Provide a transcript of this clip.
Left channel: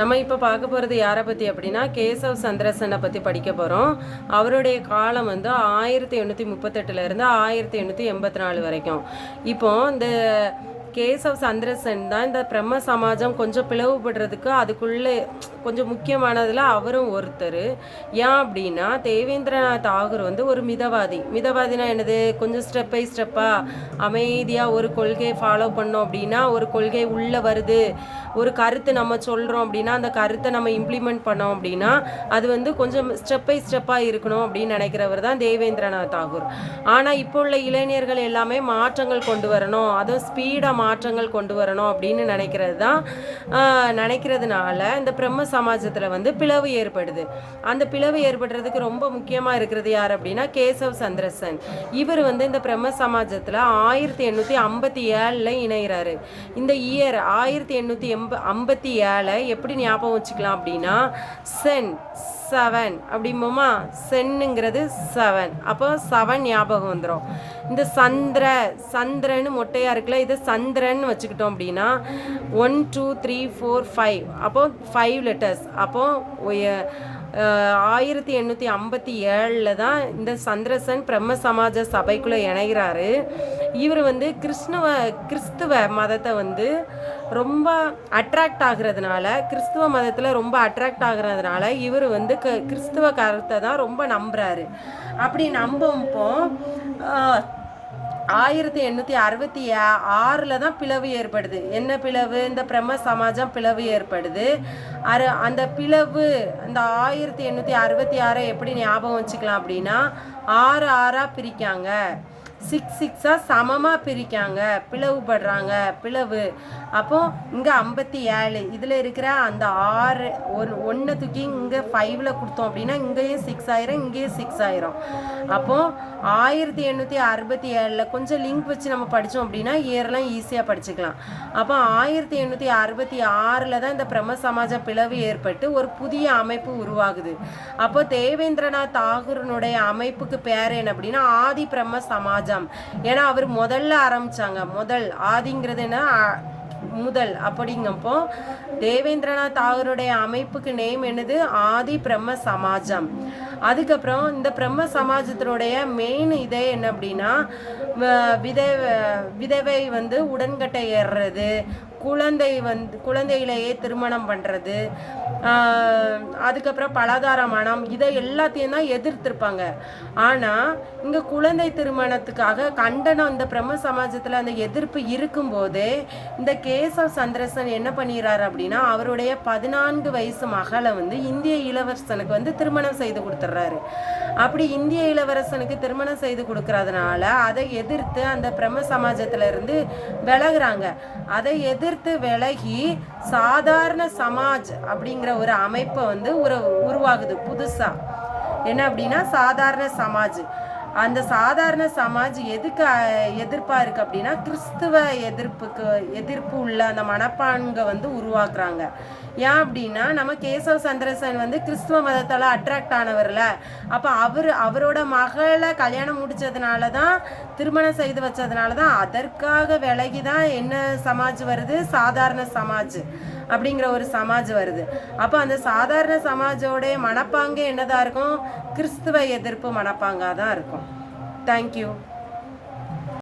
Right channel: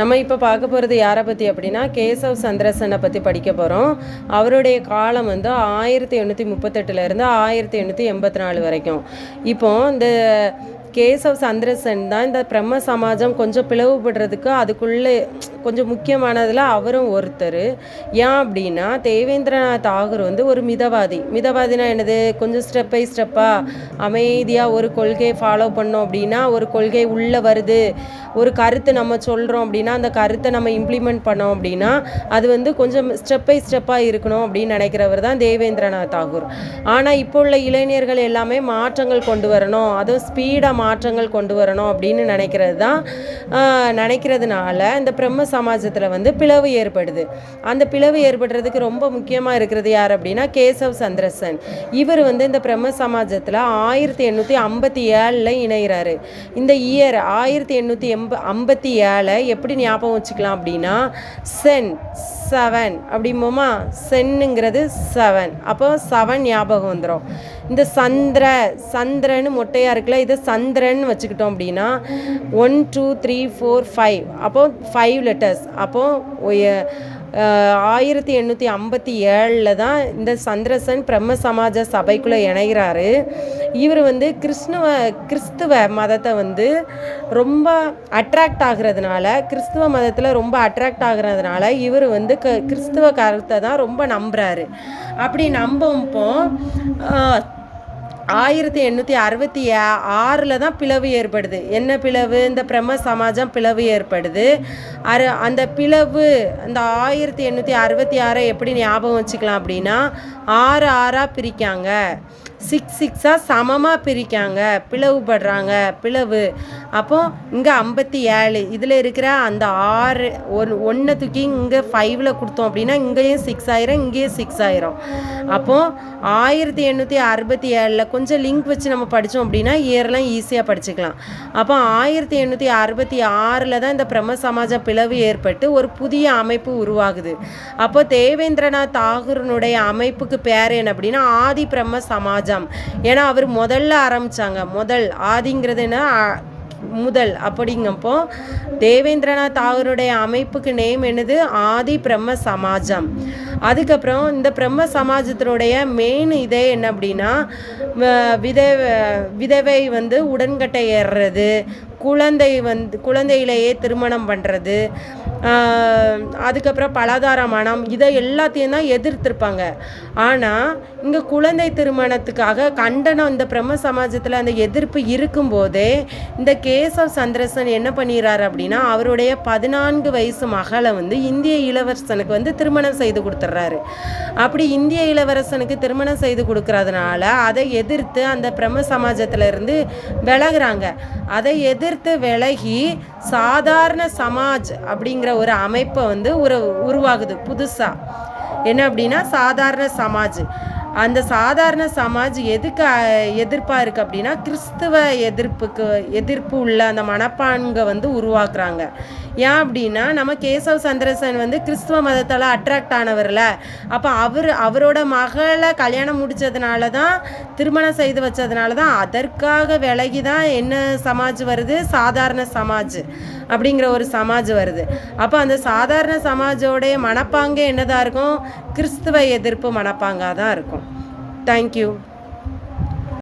நம்ம இப்போ பார்க்க போகிறது யாரை பற்றி அப்படின்னா கேசவ் சந்திரசனை பற்றி படிக்க போகிறோம். அவருடைய காலம் வந்து 1838 1884 வரைக்கும். இப்போ இந்த கேசவ் சந்திரசன் தான் இந்த பிரம்ம சமாஜம் கொஞ்சம் பிளவுபடுறதுக்கு அதுக்குள்ளே கொஞ்சம் முக்கியமானதில் அவரும் ஒருத்தர். ஏன் அப்படின்னா தேவேந்திரநாத் தாகூர் வந்து ஒரு மிதவாதினா என்னது, கொஞ்சம் ஸ்டெப் பை ஸ்டெப்பாக அமைதியாக ஒரு கொள்கையை ஃபாலோ பண்ணோம் அப்படின்னா ஒரு கொள்கை உள்ளே வருது, ஒரு கருத்து நம்ம சொல்கிறோம் அப்படின்னா அந்த கருத்தை நம்ம இம்ப்ளிமெண்ட் பண்ணோம் அப்படின்னா அது வந்து கொஞ்சம் ஸ்டெப் பை ஸ்டெப்பாக இருக்கணும் அப்படின்னு நினைக்கிறவர் தான் தேவேந்திரநாத் தாகூர். ஆனால் இப்போ உள்ள இளைஞர்கள் எல்லாமே மாற்றங்கள் கொண்டு வரணும், அதுவும் ஸ்பீடாக மாற்றங்கள் கொண்டு வரணும் அப்படின்னு நினைக்கிறதுனால இந்த பிரம்ம சமாஜத்தில் வந்து பிளவு ஏற்படுது. அந்த பிளவு ஏற்படுறதுக்கு ரொம்ப முக்கியமாக இருக்கிறது யார் அப்படின்னா கேசவ் சந்திரசன். இவர் வந்து இந்த பிரம்ம சமாஜத்தில் 1857 இணைகிறாரு. இந்த இயர் 1857 எப்படி ஞாபகம் வச்சுக்கலாம் அப்படின்னா சென் 7 அப்படிம்போமா, சென்னுங்கிறது 7, அப்போ 7 ஞாபகம் வந்துடும். இந்த சந்திரன்னு மொட்டையாக இருக்குல்ல, இதை சந்திரன் வச்சுக்கிட்டோம் அப்படின்னா 1 2 3 4 5, அப்போ 5 லெட்டர்ஸ். அப்போ 1857 தான் இந்த சந்திரசன் பிரம்ம சமாஜ சபைக்குள்ளே இணைகிறாரு. இவர் வந்து கிறிஸ்துவ மதத்தை வந்து ரொம்ப அட்ராக்ட் ஆகுறதுனால, கிறிஸ்துவ மதத்தில் ரொம்ப அட்ராக்ட் ஆகுறதுனால இவர் வந்து கிறிஸ்துவ கருத்தை தான் ரொம்ப நம்புகிறாரு. அப்படி நம்பப்போ 1866 தான் பிளவு ஏற்படுது. என்ன பிளவு? இந்த பிரம்ம சமாஜம் பிளவு ஏற்படுது. அந்த பிளவு அந்த 1866 எப்படி ஞாபகம் வச்சுக்கலாம் அப்படின்னா 6 பிரிக்காங்க, 6 சமமாக பிரிக்காங்க, பிளவுபடுறாங்க, பிளவு. அப்போது இங்கே 57, இதில் இருக்கிற அந்த 6 1 தூக்கி இங்கே 5 கொடுத்தோம் அப்படின்னா இங்கேயும் 6 ஆயிரும், இங்கேயும் 6 ஆயிரும். அப்போது 1867 கொஞ்சம் லிங்க் வச்சு நம்ம படித்தோம் அப்படின்னா இயர்லாம் ஈஸியாக படிச்சுக்கலாம். அப்போ 1866 தான் இந்த பிரம்ம சமாஜ பிளவு ஏற்பட்டு ஒரு புதிய அமைப்பு உருவாகுது. அப்போ தேவேந்திரநாத் தாகூரினுடைய அமைப்புக்கு பேர் என்ன அப்படின்னா ஆதி பிரம்ம சமாஜம். ஏன்னா அவர் முதல்ல ஆரம்பித்தாங்க, ஆதிங்கிறது என்ன, முதல். அப்படிங்கப்போ தேவேந்திரநாத் தாகூருடைய அமைப்புக்கு நேம் என்னது, ஆதி பிரம்ம சமாஜம். அதுக்கப்புறம் இந்த பிரம்ம சமாஜத்தினுடைய மெயின் இதே என்ன அப்படின்னா விதவை வந்து உடன்கட்டை ஏறுறது, குழந்தையிலேயே திருமணம் பண்ணுறது, அதுக்கப்புறம் பலதார மனம், இதை எல்லாத்தையும் தான் எதிர்த்திருப்பாங்க. ஆனால் இங்கே குழந்தை திருமணத்துக்காக கண்டனம் இந்த பிரம்ம சமாஜத்தில் அந்த எதிர்ப்பு இருக்கும்போதே இந்த கேசவ் சந்திரசன் என்ன பண்ணிடுறாரு அப்படின்னா அவருடைய 14 வயசு மகளை வந்து இந்திய இளவரசனுக்கு வந்து திருமணம் செய்து கொடுத்துட்றாரு. அப்படி இந்திய இளவரசனுக்கு திருமணம் செய்து கொடுக்கறதுனால அதை எதிர்த்து அந்த பிரம்ம சமாஜத்திலிருந்து விலகுறாங்க. அதை எதிர்த்து விலகி சாதாரண சமாஜ் அப்படிங்கிற ஒரு அமைப்பை வந்து உருவாகுது புதுசாக. என்ன அப்படின்னா சாதாரண சமாஜ். அந்த சாதாரண சமாஜ் எதுக்கு எதிர்ப்பாக இருக்குது அப்படின்னா கிறிஸ்துவ எதிர்ப்பு உள்ள அந்த மனப்பான்கை வந்து உருவாக்குறாங்க. ஏன் அப்படின்னா நம்ம கேசவ் சந்திரசன் வந்து கிறிஸ்துவ மதத்தால் அட்ராக்ட் ஆனவர்ல, அப்போ அவரோட மகளை கல்யாணம் முடித்ததுனால தான், திருமணம் செய்து வச்சதுனால தான், அதற்காக விலகி தான் என்ன சமாஜ் வருது, சாதாரண சமாஜ் அப்படிங்கிற ஒரு சமாஜ் வருது. அப்போ அந்த சாதாரண சமாஜோடைய மனப்பாங்கே என்னதான் இருக்கும், கிறிஸ்துவ எதிர்ப்பு மனப்பாங்காக தான் இருக்கும். தேங்க்யூ.